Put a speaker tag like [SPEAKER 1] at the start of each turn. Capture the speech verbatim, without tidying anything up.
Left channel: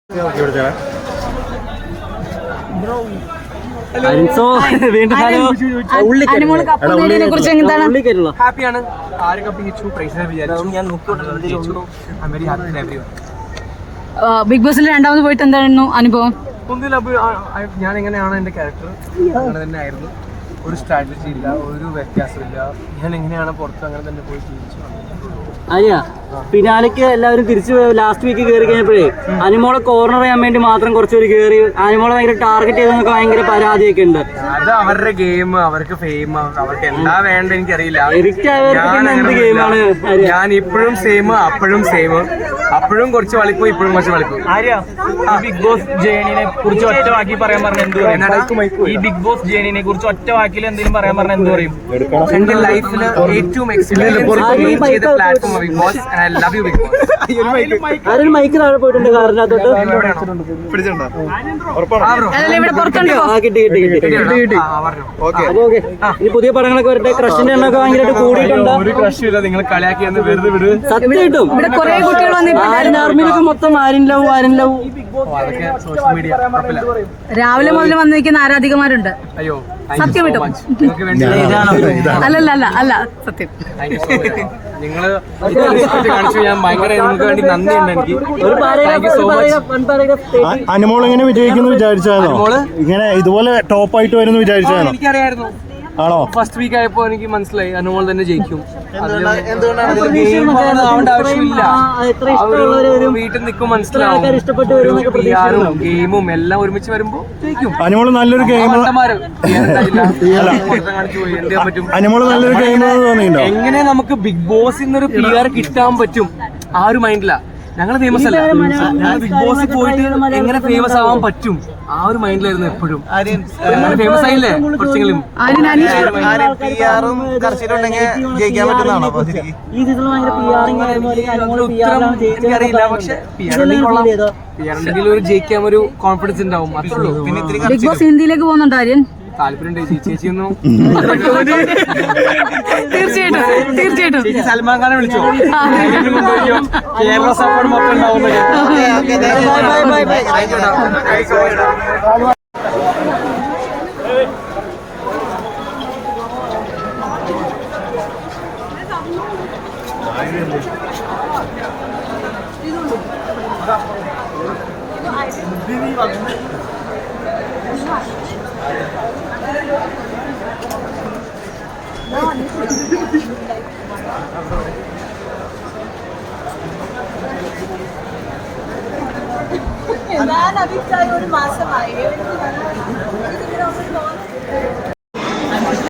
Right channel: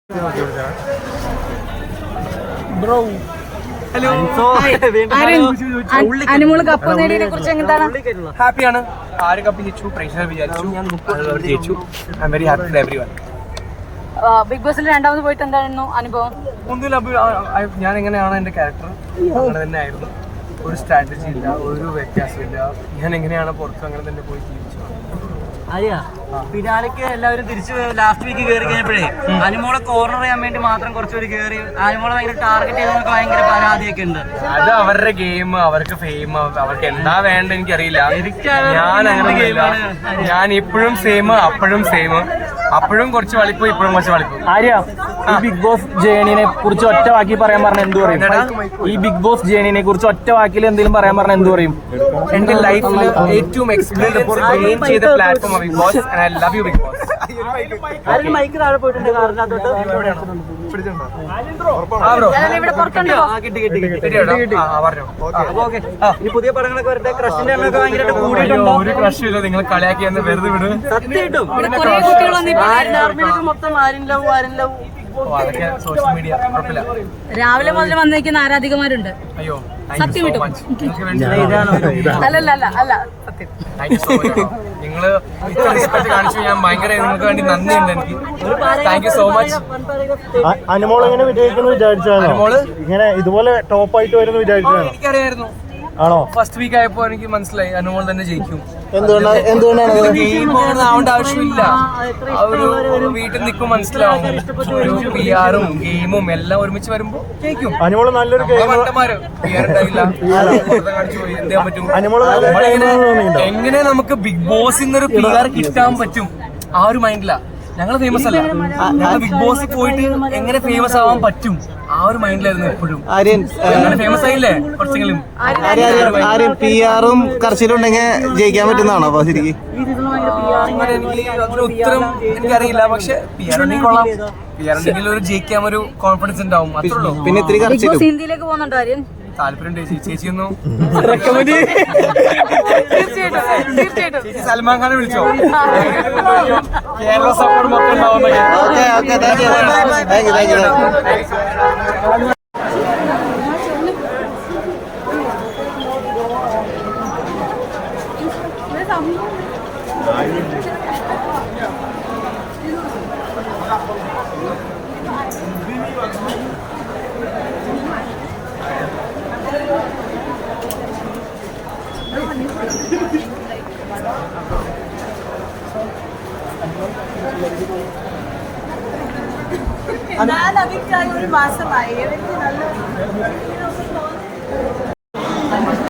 [SPEAKER 1] Hello,
[SPEAKER 2] അനുമോള് cup നേടിയതിനെ കുറിച്ച് എന്താണ്?
[SPEAKER 1] ഹാപ്പിയാണ്. ആര് കപ്പ് ജയിച്ചു, പ്രൈസ് വിചാരിച്ചു, ഞാൻ ജയിച്ചു. I'm very happy for everyone.
[SPEAKER 2] Bigg ബോസിൽ രണ്ടാമത് പോയിട്ട് എന്തായിരുന്നു അനുഭവം?
[SPEAKER 1] ഒന്നുമില്ല, ഞാൻ എങ്ങനെയാണ് എൻ്റെ ക്യാരക്ടർ അങ്ങനെ തന്നെ ആയിരുന്നു. ഒരു സ്ട്രാറ്റജി ഇല്ല, ഒരു വ്യത്യാസമില്ല. ഞാൻ എങ്ങനെയാണ് പുറത്ത് അങ്ങനെ തന്നെ പോയി ജീവിച്ചു.
[SPEAKER 3] അനിയ പിന്നാലേക്ക് എല്ലാവരും തിരിച്ചു ലാസ്റ്റ് വീക്ക് കയറി കഴിഞ്ഞപ്പോഴേ അനുമോളെ കോർണർ ചെയ്യാൻ വേണ്ടി മാത്രം കുറച്ചുപേര് കയറി അനുമോളെ ഭയങ്കര ടാർഗറ്റ് ചെയ്തെന്നൊക്കെ ഭയങ്കര പരാതിയൊക്കെ ഉണ്ട്.
[SPEAKER 1] അത് അവരുടെ ഗെയിം, അവർക്ക് ഫെയിം, അവർക്ക് എന്താ വേണ്ട എനിക്കറിയില്ല. ഞാൻ അങ്ങനെ
[SPEAKER 3] ഗെയിമാണ്.
[SPEAKER 1] ഞാൻ ഇപ്പോഴും സെയിം, അപ്പോഴും സെയിം, അപ്പോഴും കുറച്ച് വളിപ്പോ ഇപ്പോഴും കുറച്ച് വളിപ്പോ.
[SPEAKER 4] ഈ ബിഗ് ബോസ് ജേണിനെ കുറിച്ച് ഒറ്റ വാക്കി പറയാൻ പറഞ്ഞ എന്ത് പറയും? ഈ ബിഗ് ബോസ് ജേണിനെ കുറിച്ച് ഒറ്റ വാക്കിൽ എന്തെങ്കിലും പറയാൻ പറഞ്ഞ എന്ത് പറയും?
[SPEAKER 1] എന്റെ ലൈഫിൽ ഏറ്റവും എക്സ്പീരിയൻസ് ഗെയിൻ ചെയ്ത platform Bigg Boss. I love you Bigg Boss.
[SPEAKER 3] ആരും മൈക്ക് താഴെ പോയിട്ടുണ്ട് കാറിനകത്തോട്ട്.
[SPEAKER 1] എവിടെയാണോ
[SPEAKER 3] ഇനി പുതിയ പടങ്ങളൊക്കെ വരട്ടെ. ക്രഷിന്റെ എണ്ണൊക്കെ ഭയങ്കരമായിട്ട് കൂടിയിട്ടുണ്ട്.
[SPEAKER 1] ഒരു ക്രഷ് ഇല്ല, നിങ്ങൾ കളിയാക്കി എന്ന് വെറുതെ വിട്.
[SPEAKER 3] സത്യമായിട്ടും മൊത്തം ആരും ലവ് ആരും ലവ്
[SPEAKER 1] അതൊക്കെ സോഷ്യൽ മീഡിയ കുഴപ്പമില്ല.
[SPEAKER 2] രാവിലെ മുതൽ വന്നിരിക്കുന്ന ആരാധികമാരുണ്ട്.
[SPEAKER 1] അയ്യോ,
[SPEAKER 2] സത്യം കിട്ടും.
[SPEAKER 1] നിങ്ങൾക്ക് വേണ്ടി
[SPEAKER 2] അല്ലല്ല അല്ല അല്ല സത്യം.
[SPEAKER 1] Thank you so much. നിങ്ങൾ ഇത്ര റെസ്പെക്ട് കാണിച്ചു, ഞാൻ ഭയങ്കര നിങ്ങൾക്ക് വേണ്ടി നന്ദിയുണ്ട് എനിക്ക്. Thank you so much.
[SPEAKER 5] Anumol എങ്ങനെ വിജയിക്കുന്നു വിചാരിച്ചാണ്?
[SPEAKER 1] അനുമോള്
[SPEAKER 5] ഇങ്ങനെ ഇതുപോലെ ടോപ്പ് ആയിട്ട് വരുന്നു വിചാരിച്ചാണ്?
[SPEAKER 1] എനിക്കറിയായിരുന്നു.
[SPEAKER 5] ആണോ?
[SPEAKER 1] ഫസ്റ്റ് വീക്ക് ആയപ്പോ എനിക്ക് മനസ്സിലായി അനുമോൾ തന്നെ ജയിക്കും.
[SPEAKER 5] എന്തുകൊണ്ടാണ്
[SPEAKER 1] ഗെയിം ആവേണ്ട ആവശ്യമില്ല. വീട്ടിൽ നിൽക്കും മനസ്സിലാവും. പി ആറും ഗെയിമും എല്ലാം ഒരുമിച്ച് വരുമ്പോ ജയിക്കും.
[SPEAKER 5] അനുമോൾ നല്ലൊരു ഗെയിം
[SPEAKER 1] മണ്ടന്മാര് പി ആർ ഉണ്ടായില്ല, കാണിച്ചു പോയി. എന്ത് ചെയ്യാൻ പറ്റും? എങ്ങനെ നമുക്ക് ബിഗ് ബോസിൽ നിന്നൊരു പി ആർ കിട്ടാൻ പറ്റും? ആ ഒരു മൈൻഡിലാ. ഞങ്ങള് ഫേമസ് അല്ല, ഞങ്ങൾ ബിഗ് ബോസിൽ പോയിട്ട് എങ്ങനെ ഫേമസ് ആവാൻ പറ്റും ആ ഒരു മൈൻഡിലായിരുന്നു എപ്പോഴും. അങ്ങനെ ഫേമസ് ആയില്ലേ കുറച്ചെങ്കിലും.
[SPEAKER 5] പി ആറും കർശനുണ്ടെങ്കിൽ ജയിക്കാൻ പറ്റുന്നതാണോ ശരിക്കും?
[SPEAKER 1] അങ്ങനെ എനിക്ക് അതിന് ഉത്തരം എനിക്കറിയില്ല. പക്ഷെ പി ആർ ഉണ്ടെങ്കിൽ കൊള്ളാം. പി ആർ ഉണ്ടെങ്കിൽ ഒരു ജയിക്കാൻ ഒരു കോൺഫിഡൻസ് ഉണ്ടാവും, അത്രേ ഉള്ളൂ. പിന്നെ ഇത്തിരി
[SPEAKER 2] ബിഗ് ബോസ് ഹിന്ദിയിലേക്ക് പോകുന്നുണ്ടോ ആര്യൻ?
[SPEAKER 1] താല്പര്യം ചേച്ചിയൊന്നും
[SPEAKER 2] തീർച്ചയായിട്ടും തീർച്ചയായിട്ടും.
[SPEAKER 1] ചേച്ചി സൽമാൻ ഖാനെ വിളിച്ചോ? കേരള സപ്പോർട്ട് മൊത്തം ഉണ്ടാവുന്ന.
[SPEAKER 6] ഞാൻ അതിക്കായി ഒരു മാസമായി. എനിക്ക് നല്ല